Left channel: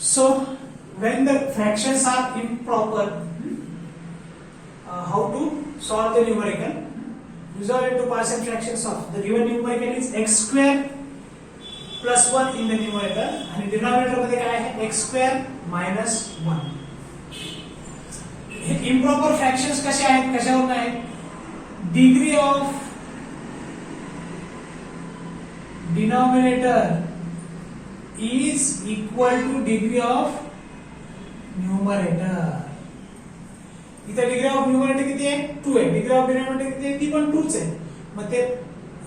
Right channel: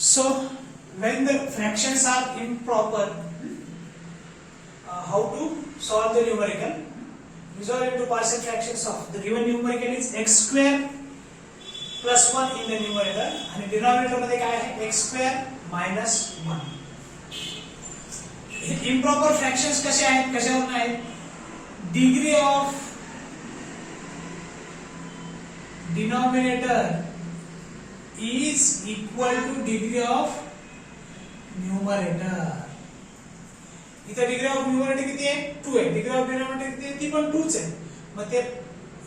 So when the fractions are improper, how to solve the numerical? Resolve into partial fractions of the given numerical is x square plus 1 in the numerator आणि denominator मध्ये काय आहे x square minus 1. हे improper fractions कसे आहेत, कशावरून आहेत? Degree of denominator is equal to degree of numerator. इथे डिग्री ऑफ न्यूमरेटर किती आहे? 2 आहे. डिग्री ऑफ डिनॉमिनेटर किती आहे? ती पण 2च आहे. मग ते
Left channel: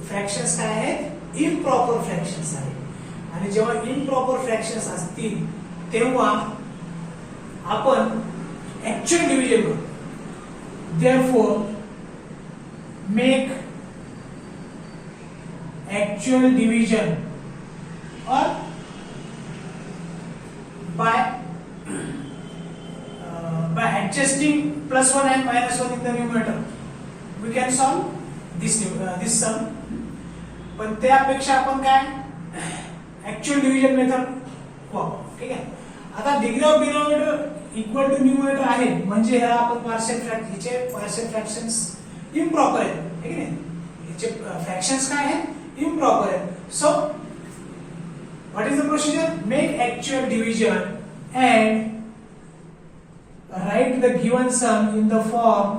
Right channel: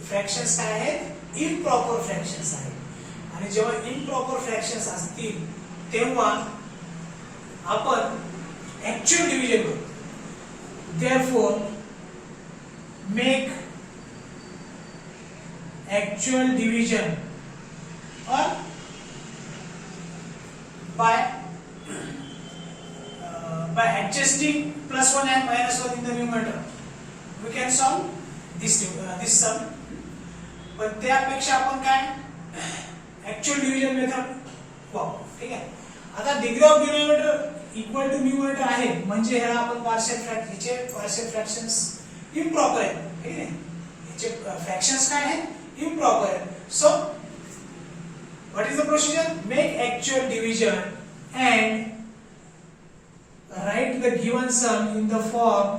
फ्रॅक्शन्स काय आहेत? इम्प्रॉपर फ्रॅक्शन्स आहेत. आणि जेव्हा इम्प्रॉपर फ्रॅक्शन्स असतील तेव्हा आपण ऍक्च्युअल डिव्हिजन करू. देयरफॉर मेक ऍक्च्युअल डिव्हिजन और by adjusting plus 1 and minus 1 in the numerator we can solve this sum. पण त्यापेक्षा आपण काय ऍक्च्युअल डिव्हिजन मेथड वापरू. ठीक आहे. आता degree of denominator equal to numerator आहे म्हणजे ह्याला आपण पार्शियल फ्रॅक्शन्स इम्प्रॉपर आहेत. ठीक आहे. याचे फ्रॅक्शन्स काय आहेत? इम्प्रॉपर आहेत. So what is the procedure? Make actual division and write the given sum in the form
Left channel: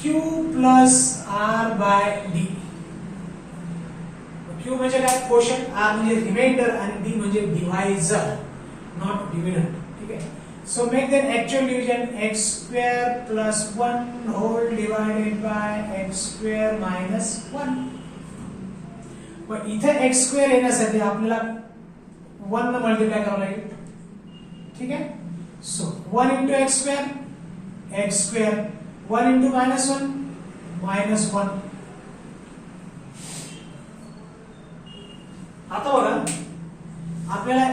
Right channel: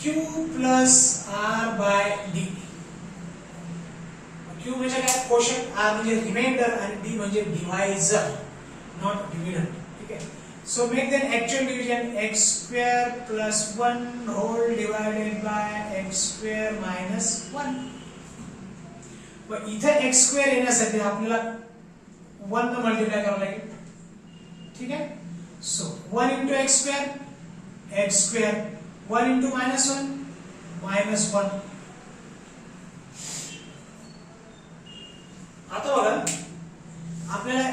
q plus r by d. q म्हणजे काय? क्वोशंट, r म्हणजे रिमाइंडर आणि d म्हणजे डिव्हायझर, नॉट डिव्हिडंड. ठीक आहे. So make then actual division x square plus 1 whole divided by x square minus 1. पण इथे x square येण्यासाठी आपल्याला 1 ने मल्टीप्लाई करावं लागेल. ठीक आहे. So 1 into x square 1 into minus 1 आता बघा आपल्याला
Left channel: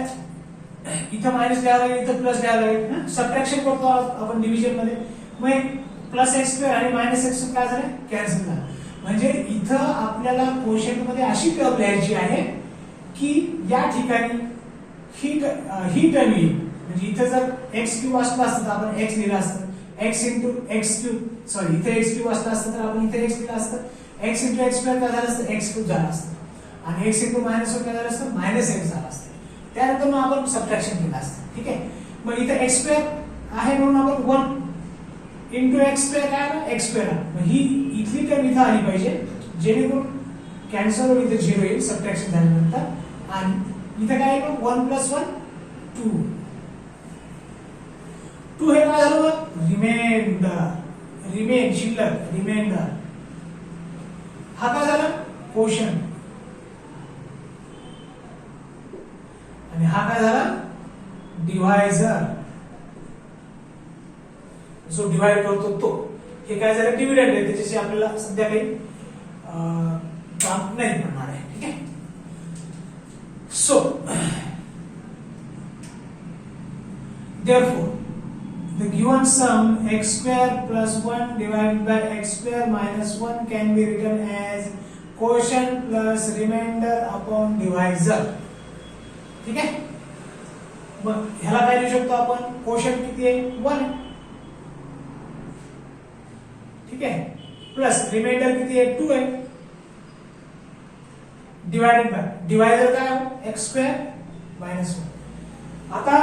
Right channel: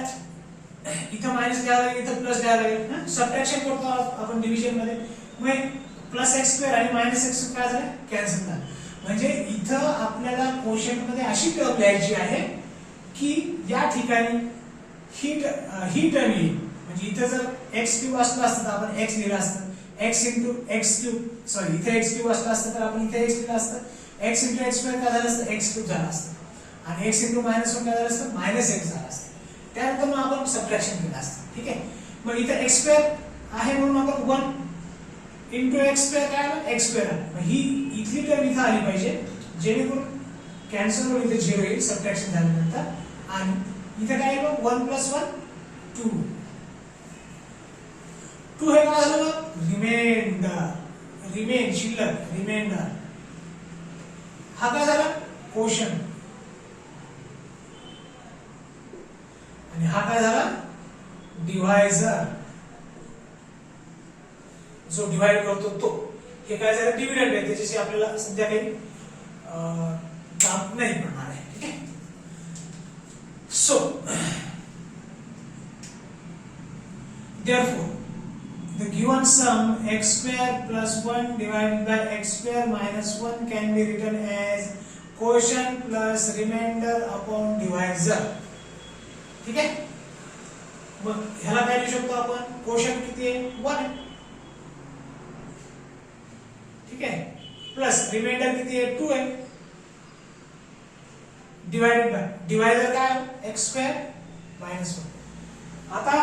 इथं मायनस घ्यावं लागेल, इथं प्लस घ्यावं लागेल. सबट्रॅक्शन करतो आपण डिव्हिजन मध्ये. मग प्लस एक्स स्क्वेअर आणि मायनस एक्स काय झालं? कॅन्सल झालं. म्हणजे इथं आपल्याला क्वोशंट मध्ये अशी टर्म लिहायची आहे की या ठिकाणी ही टर्म येईल. म्हणजे इथे जर x क्यूब असलं असतं तर आपण x लिहिलं असतं. x into x cube, sorry इथे x क्यूब असलं असतं तर आपण इथे x लिहिलं असतं. x into x स्क्वेअर काय झालं असतं? x क्यूब झालं असतं. आणि x into minus 1 काय झालं असतं? minus x झालं असतं. त्यानंतर मग आपण सबट्रॅक्शन केलं असतं. ठीक आहे. मग इथे x स्क्वेअर आहे म्हणून आपण 1 into x स्क्वेअर काय आलं? x square. मग ही इथली टर्म इथे आली पाहिजे जेणेकरून कॅन्सल होईल, इथे 0 येईल सबट्रॅक्शन झाल्यानंतर. आणि इथे काय येईल? 1 plus 1 2. 2 हे काय झालं? रिमेन शिल्लक, रिमाइंडर. हा काय झाला? क्वोशंट. आणि हा काय झाला? डिव्हायझर. जो डिवाइड करतो तो. हे काय झालं? डिव्हिडंड आहे. त्याच्याशी आपल्याला सध्या काही काम नाही पडणार आहे. ठीक आहे. So, therefore, the given sum x square plus 1 divided by x square minus 1 can be written as quotient plus remainder upon divisor. ठीक आहे. मग ह्याला काय लिहू शकतो आपण? क्वोशंट किती आहे? 1 आहे. ठीक आहे. प्लस रिमाइंडर किती आहे? 2 आहे. डिवाइडेड बाय डिवायझर काय? x square minus 1. आता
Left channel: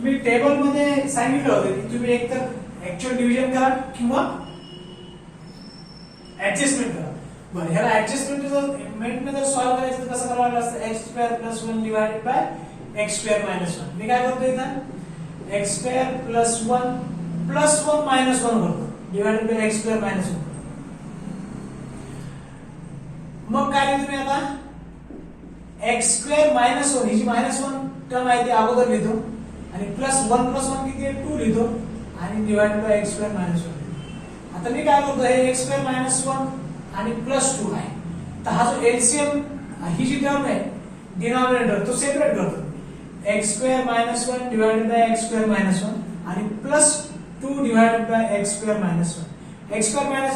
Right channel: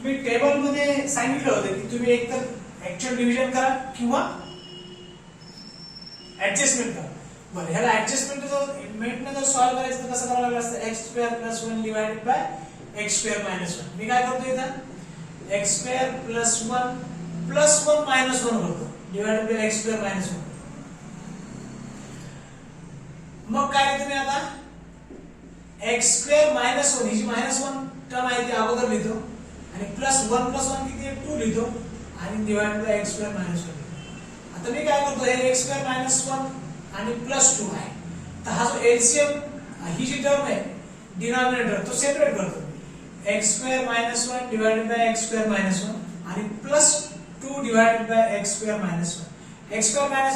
मी टेबल मध्ये सांगितलं होतं की तुम्ही एकतर ऍक्च्युअल डिव्हिजन करा किंवा ऍडजस्टमेंट करा. बरं, ह्याला ऍडजस्टमेंट मध्ये सॉल्व्ह करायचं कसं करावं लागतं? x square plus 1 divided by x square minus 1. मी काय करतो इथं? x स्क्वेअर प्लस 1 मायनस 1 करतो divided by x square minus 1. मग काय तुम्ही आता x स्क्वेअर मायनस 1 ही जी मायनस 1 टर्म आहे ती अगोदर लिहितो आणि प्लस 1 प्लस 1 किती आहे? 2 लिहितो आणि divide by x square minus 1. आता मी काय करतो? हे x स्क्वेअर मायनस 1 आणि प्लस 2 आहे. तर हा जो एलसीएम ही जी टर्म आहे डिनॉमिनेटर तो सेपरेट करतो. x square minus 1 divided by x square minus 1 आणि plus 2 divided by x square minus 1. x square minus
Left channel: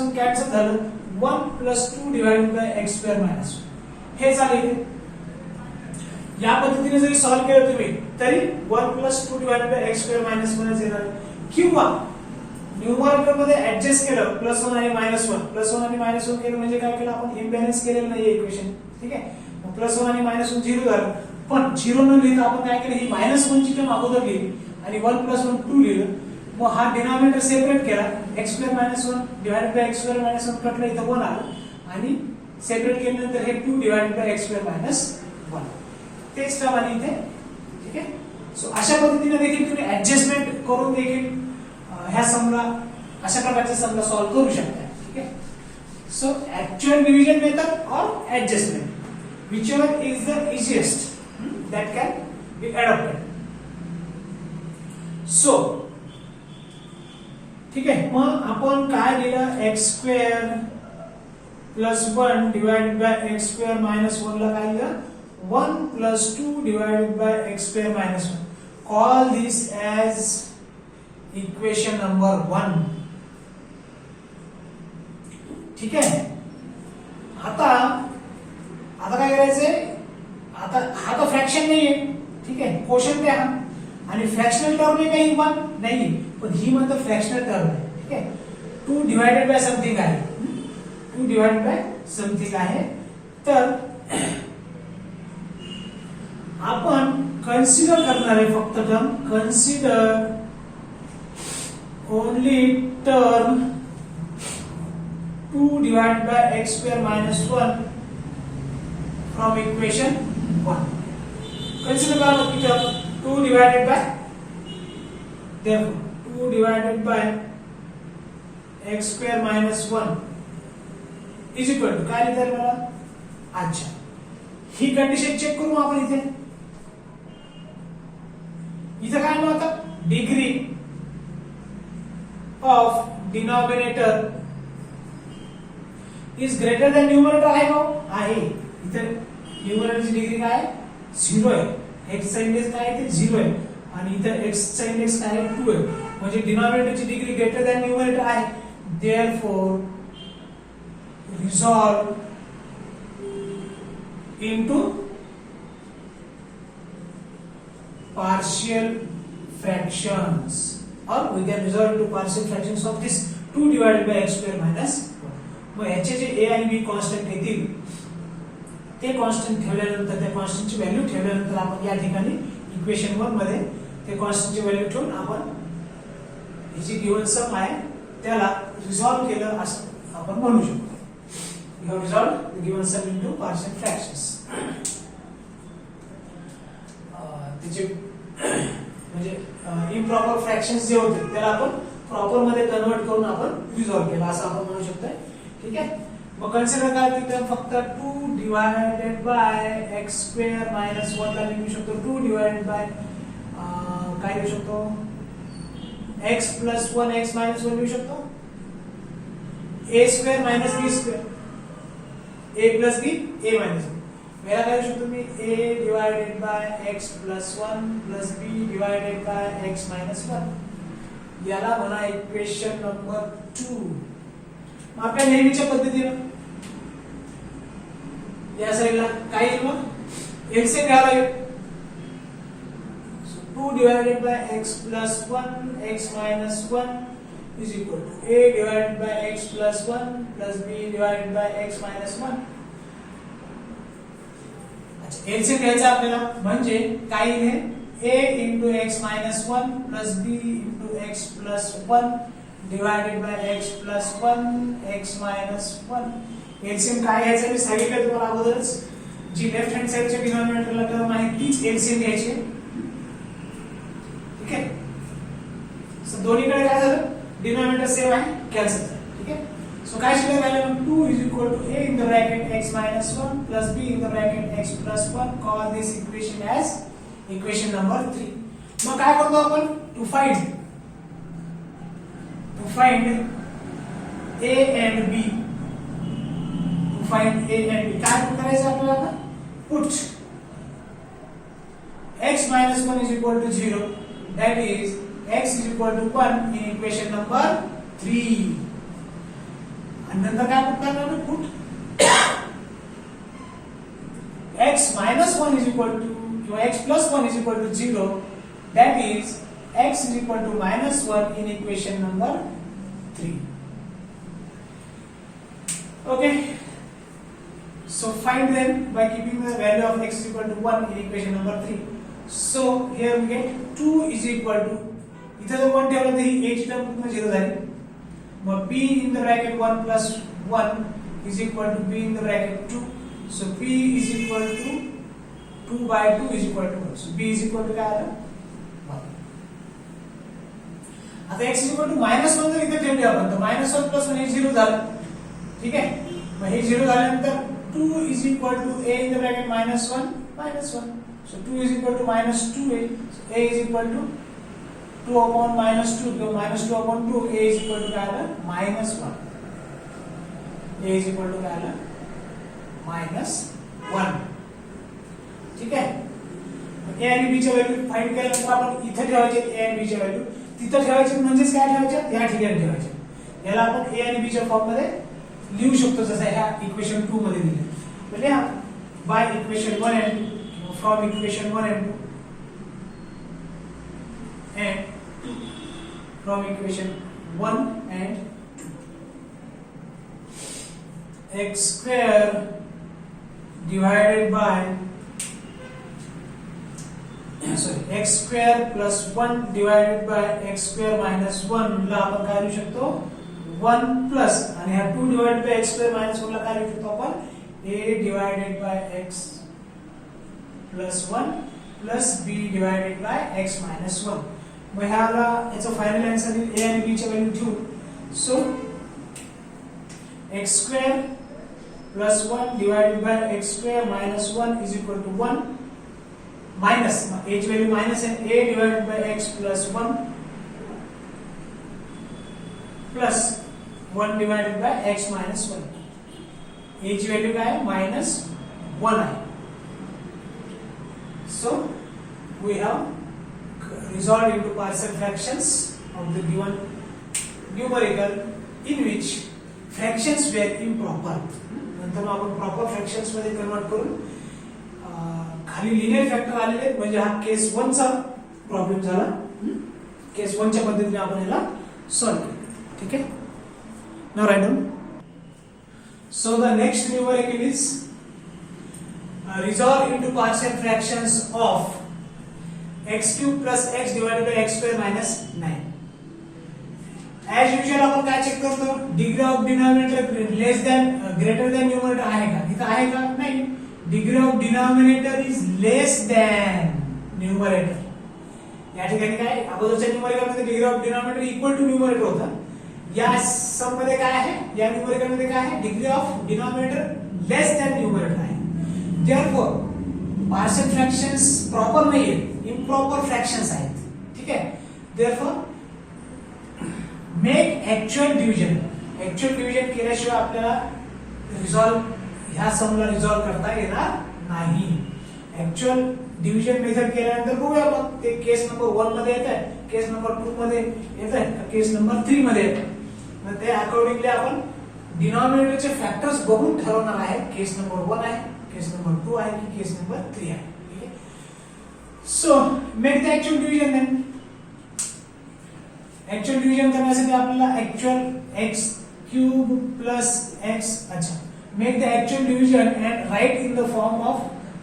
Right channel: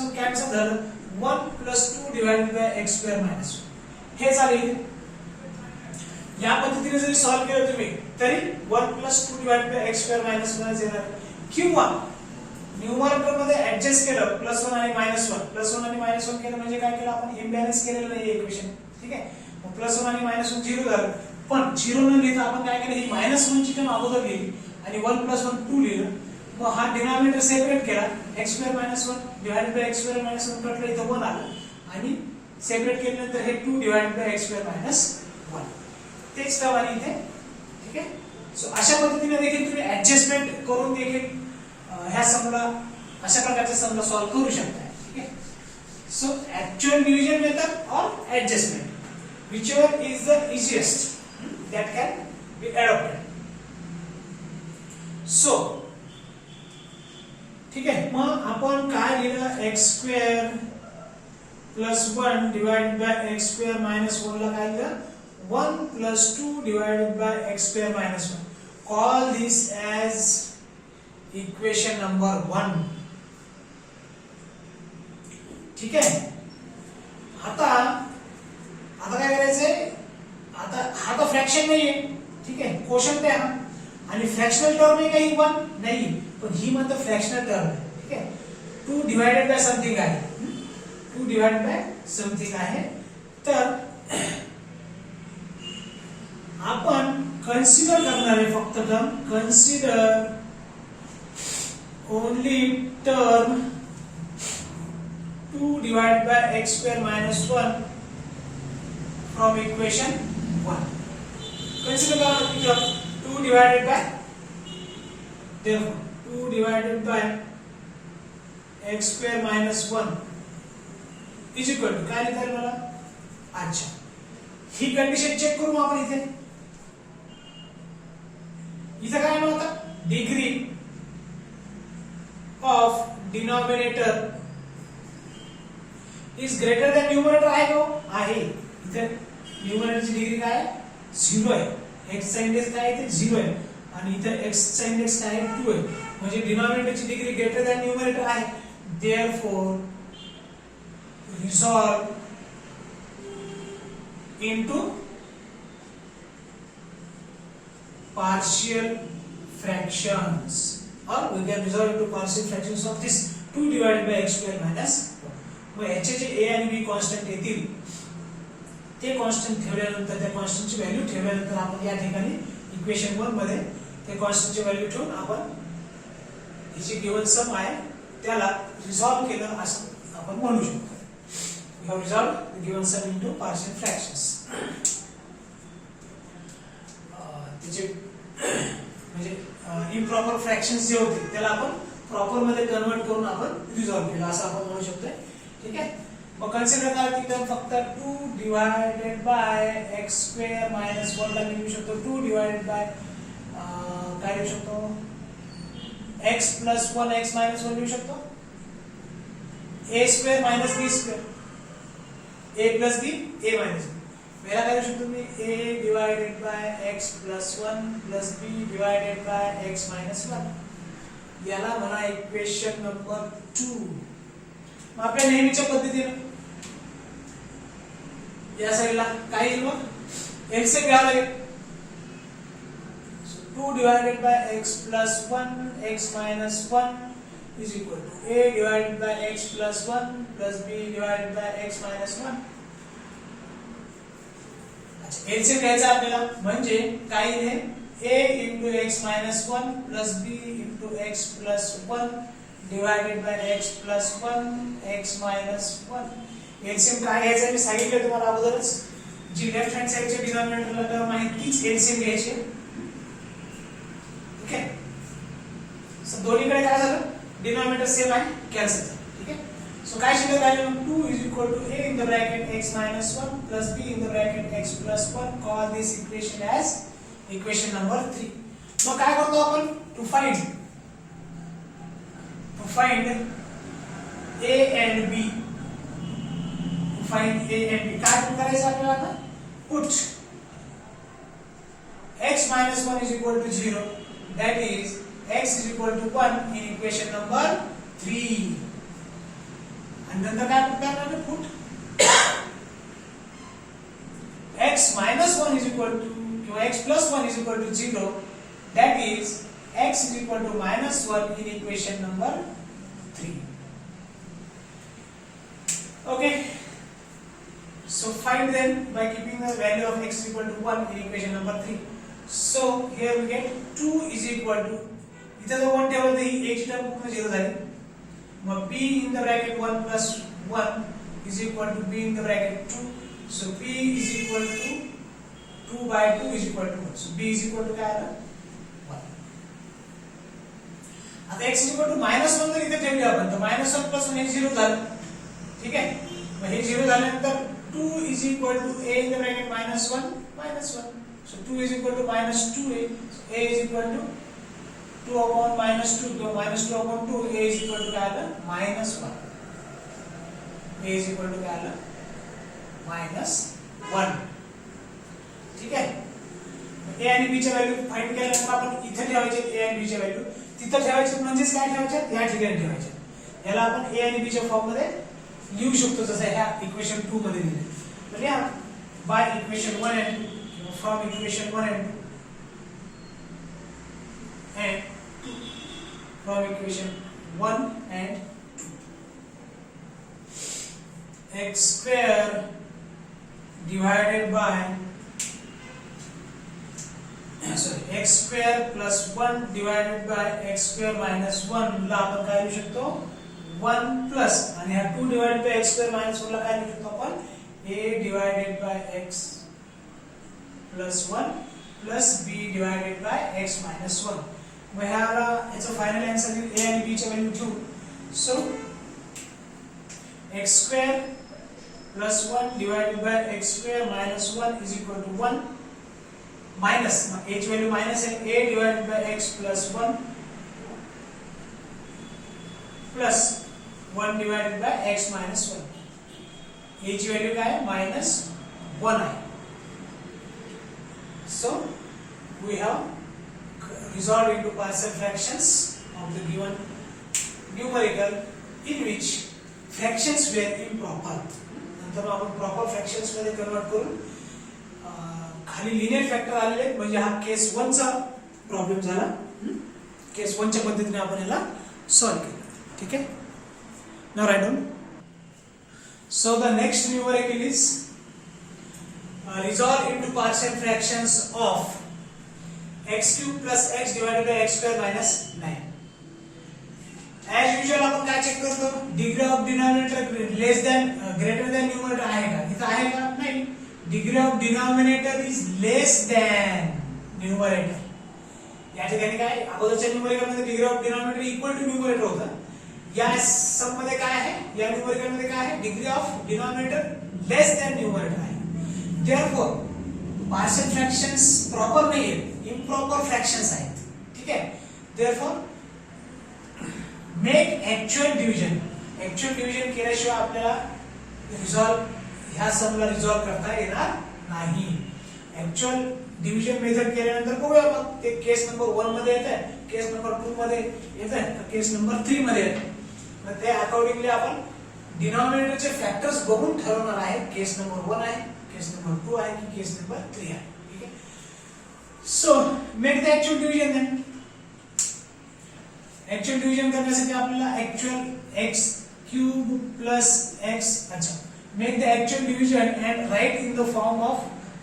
1 cancel झालं. 1 plus 2 divided by x square minus 1 हे झाले. या पद्धतीने जरी सॉल्व्ह केलं तुम्ही तरी 1 plus 2 divide by x square minus 1 येणार, किंवा न्यूमरेटर मध्ये ऍडजस्ट केलं प्लस 1 आणि मायनस 1, प्लस 1 आणि मायनस 1 केलं म्हणजे काय केलं आपण, इम्बॅलन्स केलेलं नाहीये इक्वेशन. ठीक आहे, मग प्लस 1 आणि मायनस 1 0 झालं, पण 0 न लिहिता आपण काय केलं, ही मायनस 1 ची टर्म अगोदर लिहिली आणि 1 प्लस 1 2 लिहिलं. मग हा डिनॉमिनेटर सेपरेट केला, x square minus 1 divide by x square minus 1 कटलं, इथं 1 आलं आणि सेपरेट केल्यानंतर हे 2 divide by x square minus 1 तेच टर्म आली इथे. ठीक आहे, सो अशा पद्धतीने देखील तुम्ही ऍडजस्टमेंट करून देखील ह्या समला अशा प्रकारच्या समला सॉल्व्ह करू शकता. ठीक आहे, सो ऍक्च्युअल डिव्हिजन मेथड और adjustment whichever is the easiest that can be adopted. So ठीक आहे, मग आपण काय लिहिलं, x square plus 1 divided by x square minus 1 ला काय लिहिलं, 1 plus 2 divided by x square minus 1. Call this as equation number 1. ठीक आहे, आता काय करायचंय, आता हा तर फ्रॅक्शन नाहीये. ठीक आहे, क्वोशंट आहे हा आणि फ्रॅक्शनल टर्म आहे काही 1 नाही, पण ही म्हणतो फ्रॅक्शनल टर्म आहे. ठीक आहे, 2 डिवाइडेड बाय समथिंग आहे, 2 डिवाइडेड बाय समथिंग आहे. तर आपण कन्सिडर करणार आहे फक्त term, consider only term 2 divided by x square minus 1 from equation 1. Consider करा की term 2 divided bye, therefore 2 divided by x square minus 1 is equal to काय लिहिता येईल मला. अच्छा, ही कंडिशन चेक करू आपण इथे. इथे काय म्हणतात, degree of denominator is greater than numerator आहे का, आहे. इथे न्यूमरेटरची डिग्री काय 0 आहे, x चा इंडेक्स काय आहे, 0 आहे आणि इथे x चा इंडेक्स काय आहे 2 आहे, म्हणजे डिनॉमिनेटरची डिग्री ग्रेटर दॅन न्यूमरेटर आहे. Therefore resolve into partial fractions, or we can resolve into partial fractions of this 2 divided by x square minus 1. मग ह्याचे जे a आणि b कॉन्स्टंट येतील ते कॉन्स्टंट ठेवल्यानंतर, त्या कॉन्स्टंटची व्हॅल्यू ठेवल्यानंतर आपण या ठिकाणी इक्वेशन 1 मध्ये ते कॉन्स्टंटची व्हॅल्यू ठेवून आपण ही जी गिवन सम आहे त्याला रिझॉल्व केलं असं आपण म्हणू शकतो. We have resolved the given sum into partial fractions. त्याचे म्हणजे इम्प्रॉपर फ्रॅक्शन्स जे होते त्याला आपण प्रॉपर मध्ये कन्वर्ट करून आपण रिझॉल्व केलं असं आपण म्हणू शकतो. ठीक आहे, मग कन्सिडर करा की फक्त 2 divided by x square minus 1 ला लिहू शकतो, 2 डिवाइडेड बाय काय लिहू शकतो, x प्लस 1 x मायनस 1 लिहू शकतो, a square minus b square, a plus b a minus b. मेरा काय लिहू शकतो मी, a divided by x plus 1 plus b divided by x minus 1. याला म्हणा इक्वेशन नंबर 2. मग आपल्या नेहमीच्या पद्धतीने या साइडला काय येईल, मग एलसीएम घ्यावं लागेल. 2 divided by x plus 1 x minus 1 is equal to a divided by x plus 1 plus b divided by x minus 1. अच्छा, एलसीएम घ्यायचा आपल्याला, म्हणजे काय येईल, a into x minus 1 plus b into x plus 1 divided by x plus 1 x minus 1. LCM काय घ्यायचं मी सांगितलं तुम्हाला अगोदरच, जी लेफ्ट हँड साइडच्या डिनॉमिनेटरला टर्म आहे तीच एलसीएम घ्यायची. ठीक आहे, सो दोन्हीकडे काय झालं, डिनॉमिनेटर सेम आहे, कॅन्सल झालं. ठीक आहे, सो काय शिकत राहिलो, 2 is equal to a in the bracket x minus 1 plus b in the bracket x plus 1. Call this equation as equation number 3. मग काय करतो आपण, to find a and b, find a and b. काय करायचं आपल्याला, put x minus 1 is equal to 0, that is x is equal to 1 in equation number 3. आणि नंतर काय पुट करणार, put x minus 1 is equal to किंवा x plus 1 is equal to 0, that is x is equal to minus 1 in equation number 3. Okay, so find then by keeping the value of x is equal to 1 in equation number 3. So here we get 2 is equal to, इथं जर 1 ठेवलं तर ही a ची term पूर्ण 0 झाली. मग p in the bracket 1 plus 1 is equal to b in the bracket 2. So p is equal to 2 by 2 is equal to 1. So b is equal to काय आलं 1. आता x is equal to -1 जर इथे ठेवली आपण तर -1 plus 1 हे 0 झालं. ठीक आहे. मग हे 0 झाल्यानंतर 2 is equal to a in the bracket -1. So 2 is equal to -2a. So a is equal to 2 upon -2. So -2 upon 2, a is equal to काय आलं -1. a is equal to काय आलं -1. ठीक आहे. a आणि b ची व्हॅल्यू फाइंड केल्यानंतर आपण इथे ठेवायचे a आणि b ची व्हॅल्यू तिथे ठेवायची म्हणजेच काय ठेवायचे या ठिकाणी ठेवायचे. याला आपण a आणि b च्या फॉर्म मध्ये लिहू शकतो जसं ह्या इक्वेशन 2 मध्ये दिले. तर लिहा by equation 1 and 2 from equation 1 and 2 and 2 from equation 1 and 2 x square divided by x square plus 1 divided by x square minus 1 ला आपण काय लिहू शकतो 1 plus आणि हा 2 divided by x square minus 1 ला काय लिहू शकतो आपण a divided by x plus 1 plus b divided by x minus 1. मग ह्याला याचा फायनल आन्सर a आणि b ची व्हॅल्यू ठेवू. So x square plus 1 divided by x square minus 1 is equal to 1 minus a ची व्हॅल्यू मायनस आहे a divided by x plus 1 plus 1 divided by x minus 1. a ची value काय आहे minus 1 आहे. So we have resolved into partial fractions of the given numerical in which fractions were improper. नंतर आपण proper fractions मध्ये convert करून खाली linear factor आलेले म्हणजे हा केस 1 चा प्रॉब्लेम झाला. केस 1 च्या पद्धतीने आपण याला सॉल्व्ह केलं. ठीक आहे. Now write down. So the next numerical is resolve into partial fractions of x cube plus x divided by x square minus 9. As usual आपण काय चेक करतो degree of denominator less than greater than numerator आहे का. इथं आहे का नाही. Degree of denominator is less than numerator. या ठिकाणी काय अगोदरच्या न्यूमरेटर मध्ये degree of denominator equal to numerator होता. या सम मध्ये काय आहे या न्यूमरेटर मध्ये काय आहे degree of denominator less than numerator आहे. Therefore, partial fractions proper नहीं है, improper fractions आहेत. ठीक है. Therefore, make actual division. Actual division केल्याशिवाय आपल्याला resolve ह्या समला resolve करता येणार नाही. Actual division मेथड केल्यानंतर बघूया मग ते केस नंबर 1 मध्ये येत आहे, केस नंबर 2 मध्ये येत आहे, केस नंबर 3 मध्ये येत आहे. मग ते अकॉर्डिंगली आपण डिनॉमिनेटरचे फॅक्टर्स बघून ठरवणार आहे. केस नंबर 1 आहे, केस नंबर 2 आहे की केस नंबर 3 आहे. ठीक आहे. So make the actual division then. Actual division करण्यासाठी आपल्याला actual x cube plus x अच्छा make the actual division and write in the form of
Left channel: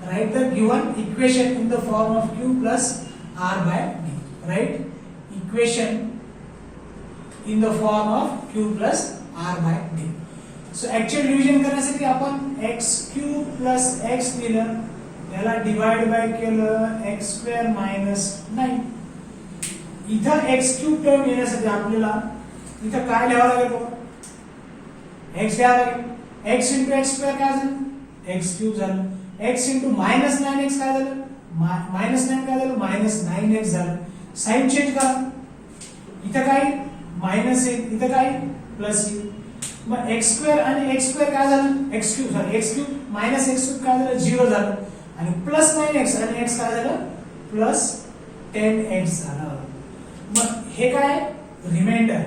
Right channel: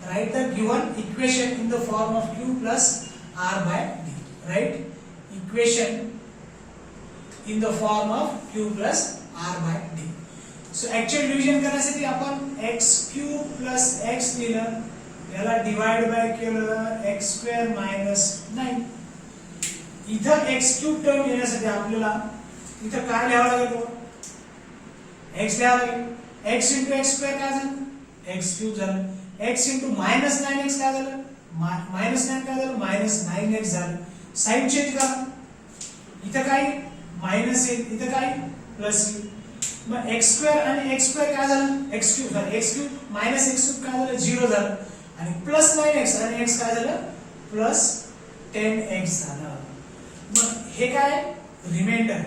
write the given equation in the form of q plus r by d. Write equation in the form of q plus r by d. So actual division करण्यासाठी आपण x cube plus x दिलं याला divide by केलं x square minus 9. इथं x cube term येण्यासाठी आपल्याला इथं काय लिहावं लागेल x घ्यावं लागेल. x into x स्क्वेअर काय झालं x क्यूब झालं. x into मायनस 9x काय झालं मायनस 9 काय झालं मायनस 9x झालं. साइन चेंज करा. इथं काय मायनस येईल इथं काय प्लस येईल. मग x स्क्वेअर आणि x स्क्वेअर काय झालं x क्यूब झालं. x cube minus x cube काय झालं 0 झालं आणि प्लस 9x आणि x काय झालं प्लस 10x झालं. मग हे काय रिमाइंडर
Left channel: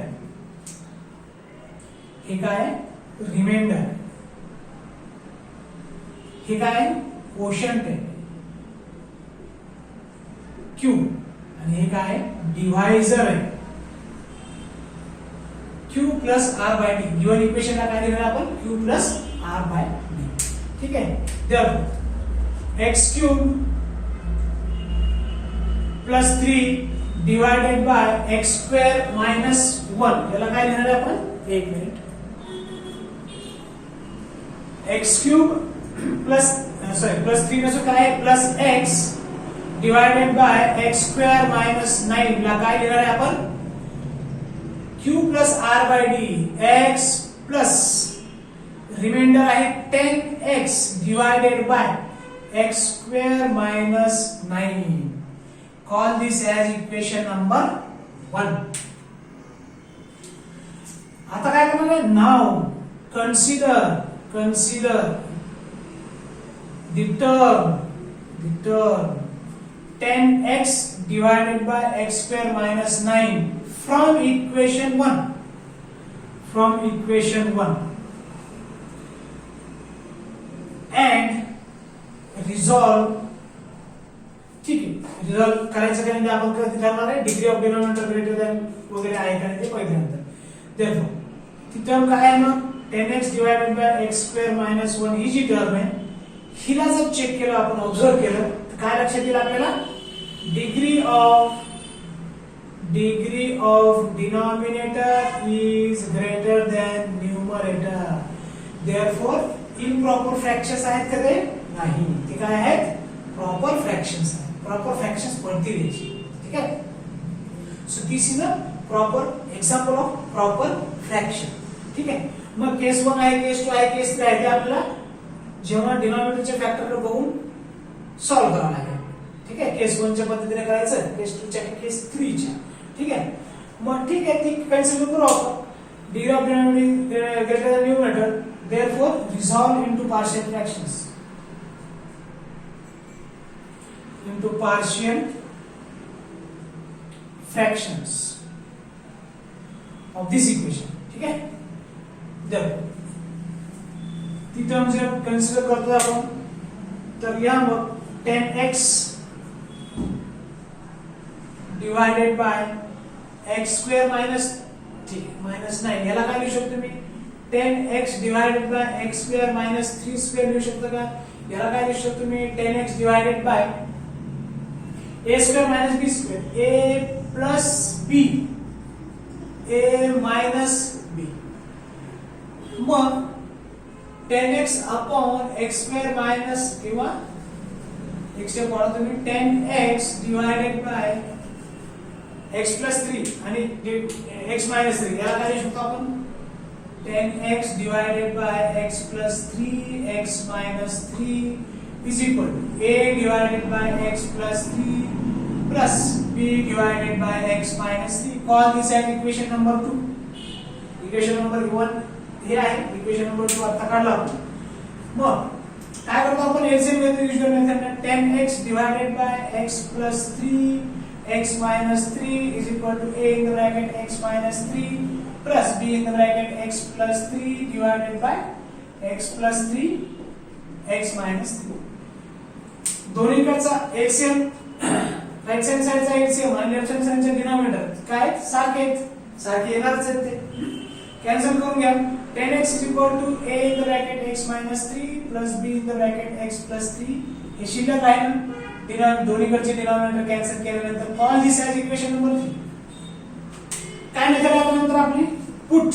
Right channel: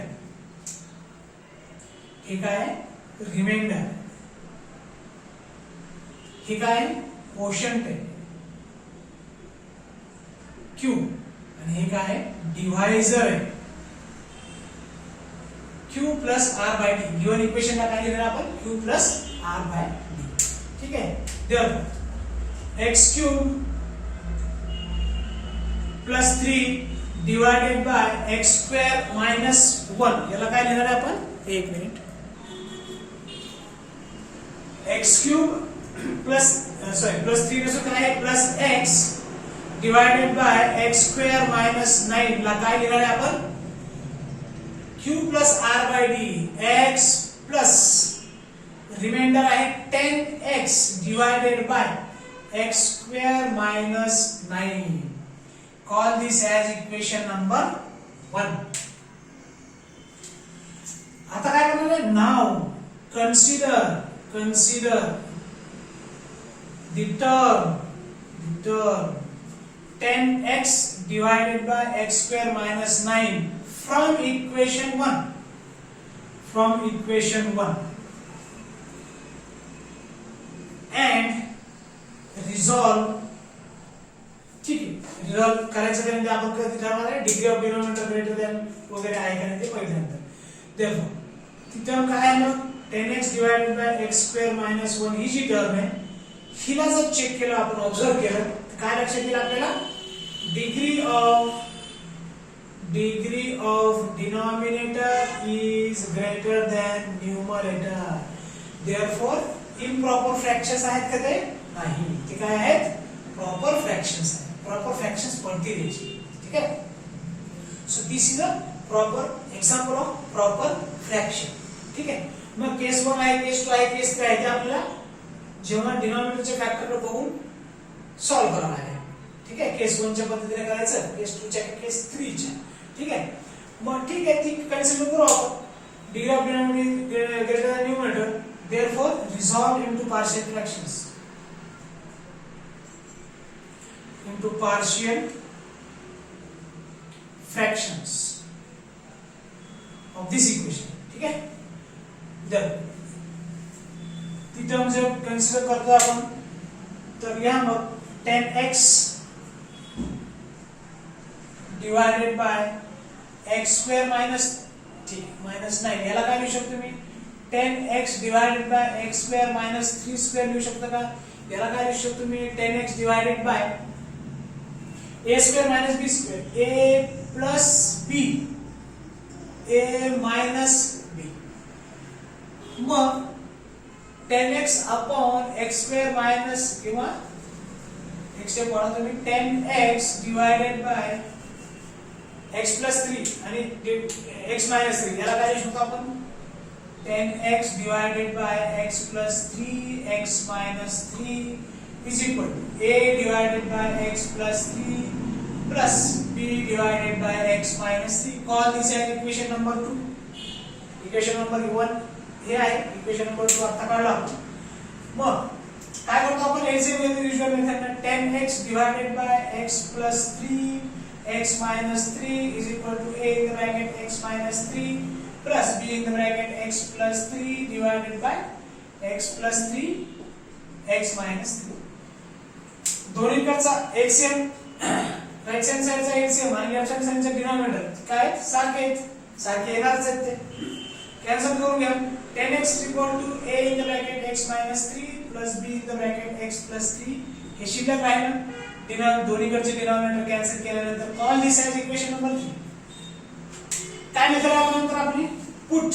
हे काय रिमाइंडर हे काय क्वोशंट आहे. क्यू आणि हे काय आहे डिव्हायझर आहे Q plus R by D given इक्वेशनला काय लिहिणार आपण Q plus R by D ठीक आहे therefore X cube plus 3 divided by x square minus 1 याला काय लिहिणार आहे आपण एक minute X cube plus plus 3 नसो काय आहे plus X divided by x square minus 9 ला काय लिहिणार आहे आपण Q plus R by D X plus remainder आहे 10x divided by x square minus 9 call this as equation number 1 आता काय करणार आहे now consider the term 10x divided by x square minus 9 from equation 1 and resolve ठीक आहे resolve करायचं काय म्हणजे आपण कधी ठरवणार आहे degree of denominator greater than वगैरे आहे का ते पहिल्यांदा देअरफॉर ती टर्म काय आहे मग 10x divided by x square minus 1 ही जी टर्म आहे हिला जर चेक केलं आपण ऑब्झर्व केलं तर काय लक्षात येईल आपल्याला degree of denominator is greater than numerator therefore improper fractions आहेत का ते नाही ते काय आहेत प्रॉपर फ्रॅक्शन्स आहेत प्रॉपर फ्रॅक्शन्स कोणती द्यायची ठीक आहे so this is a proper example of proper fraction ठीक आहे मग केस 1 आहे केस 2 आहे केस 3 आहे ते आपल्याला जेव्हा डिनॉमिनेटरचे फॅक्टर बघून सॉल्व्ह करावं लागेल ठीक आहे केस 1 च्या पद्धतीने करायचं केस 2 च्या केस 3 च्या ठीक आहे मग ठीक आहे ती कन्सिडर करू आपण degree of denominator greater than numerator therefore resolve into partial fractions into partial fractions of this equation ठीक है जब ती टर्म जर कन्सिडर करतो आपण तर यहाँ मग 10x divided by x square minus minus 9 याला काय लिहू शकतो मी 10x divided by x square minus 3 square लिहू शकतो का याला काय लिहू शकतो मी 10x divided bye a square minus b square a plus b a minus b मग 10x upon x square minus किंवा x चे पॉवर तुम्ही 10x divided by x plus 3 आणि x minus 3 याला काय लिहू शकतो आपण 10x divided by x plus 3 x minus 3 is equal to a divided by x plus 3 plus b divided by x minus 3 call this as equation number 2 equation number 1 हे आहे equation number 2 आता काढला आपण मग काय करतो आपण exact method usual method 10x divided by x plus 3 x minus 3 is equal to a in the bracket x minus 3 plus b in the bracket x plus 3 divided by x plus 3 x minus 3 दोन्हीकडचा LCM right hand साइडचा LCM आणि left hand साइडचा denominator काय सारखे येणारच आहेत ते cancel करून घ्या 10x a in the bracket x minus 3 plus b in the bracket x plus 3 हे शिल्लक आहे ना दोन्हीकडचे डिनॉमिनेटर कॅन्सल केल्यानंतर call this as equation number 3 काय मेथड आहे नंतर आपली put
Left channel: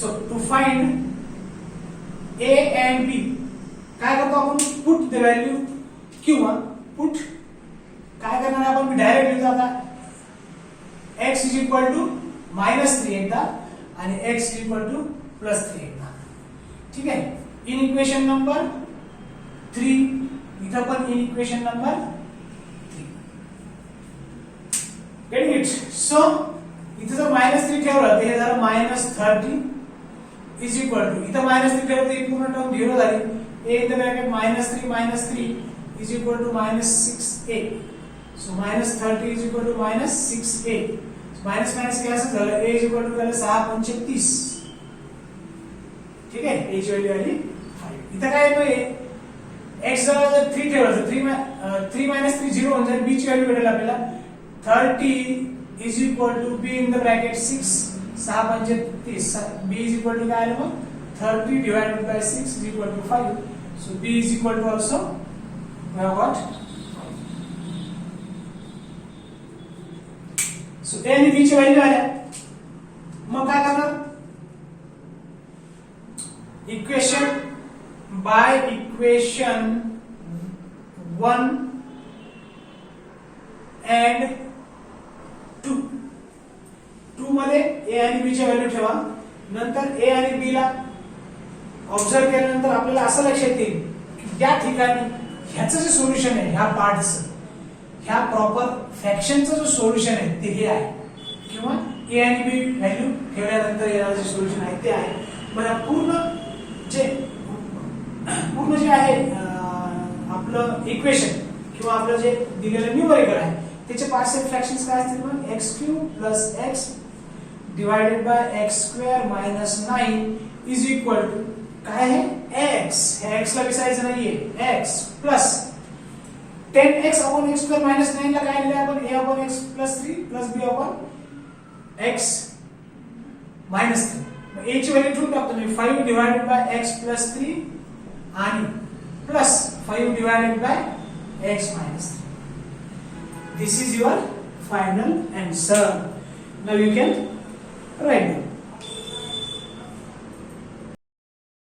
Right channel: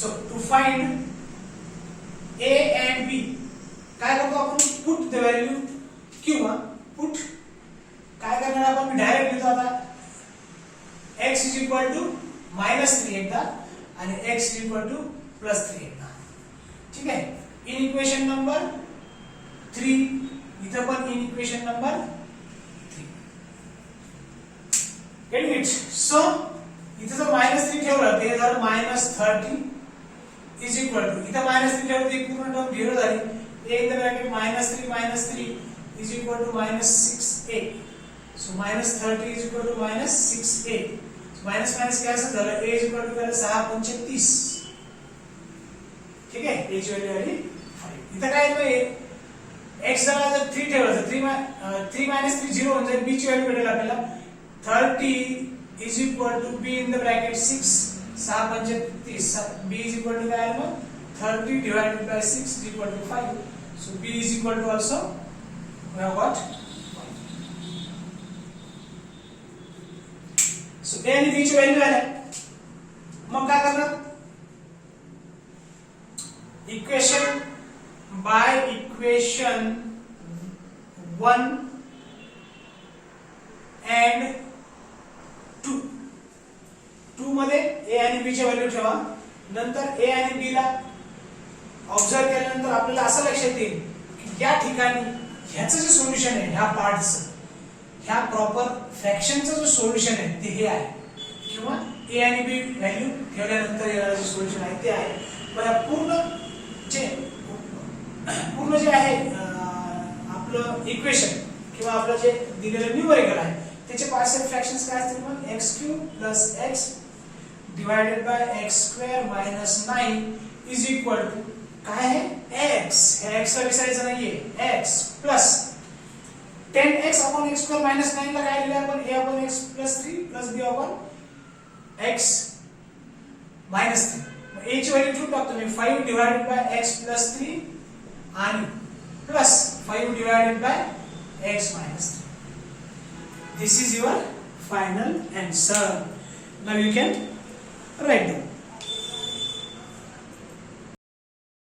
so to find a and b काय करतो आपण पुट द व्हॅल्यू किंवा पुट काय करणार आपण डायरेक्ट लिहितो आता x is equal to -3 एकदा आणि x is equal to +3 एकदा ठीक आहे इन इक्वेशन नंबर 3 इथं पण in equation number 3 get it so इथं जर -3 ठेवलं तर हे झालं -30 is equal to इथं -3 ठेवलं तर ही पूर्ण टर्म 0 झाली a in the bracket -3 is equal to -6a so -30 is equal to -6a so minus cancel झालं a is equal to 6 ठीक आहे a ची व्हॅल्यू आली 5 इथं काय येतोय x जवळ जर 3 ठेवलं तर 3 मायनस 3 0 होऊन जाईल. b ची व्हॅल्यू भेटेल आपल्याला 30 is equal to b in the bracket 6 6 म्हणजे 30 b इज इक्वल टू काय आलं मग 30 divided by 6 is equal to 5. So b is equal to also we have got. So a आणि b ची व्हॅल्यू आल्या. मग काय करणार इक्वेशन बाय इक्वेशन 1 and 2 मध्ये a आणि b ची व्हॅल्यू ठेवा. नंतर a आणि b ला ऑब्झर्व केल्यानंतर आपल्याला असं लक्षात येईल की या ठिकाणी ह्याचं जे सोल्युशन आहे ह्या पार्टचं ह्या प्रॉपर फ्रॅक्शनचं जो सोल्युशन आहे ते हे आहे किंवा a आणि b व्हॅल्यू ठेवल्यानंतर येणारं जे सोल्युशन आहे ते आहे. मग पूर्ण जे आहे आपलं इक्वेशन किंवा आपलं जे दिलेलं न्यूमरिकल आहे त्याचे पार्शियल फ्रॅक्शन्स काय असतील मग x³ + x divided by x² - 9 is equal to काय आहे x. हे x ला विसरायचं नाहीये x plus 10x upon x² - 9 ला काय लिहिलं आपण a upon x + 3 + b upon x - 3. मग a ची व्हॅल्यू ठेवून टाकतो मी 5 डिवाइडेड बाय x + 3 आणि plus 5 divided by x - 3. This is your final answer. Now you can write them.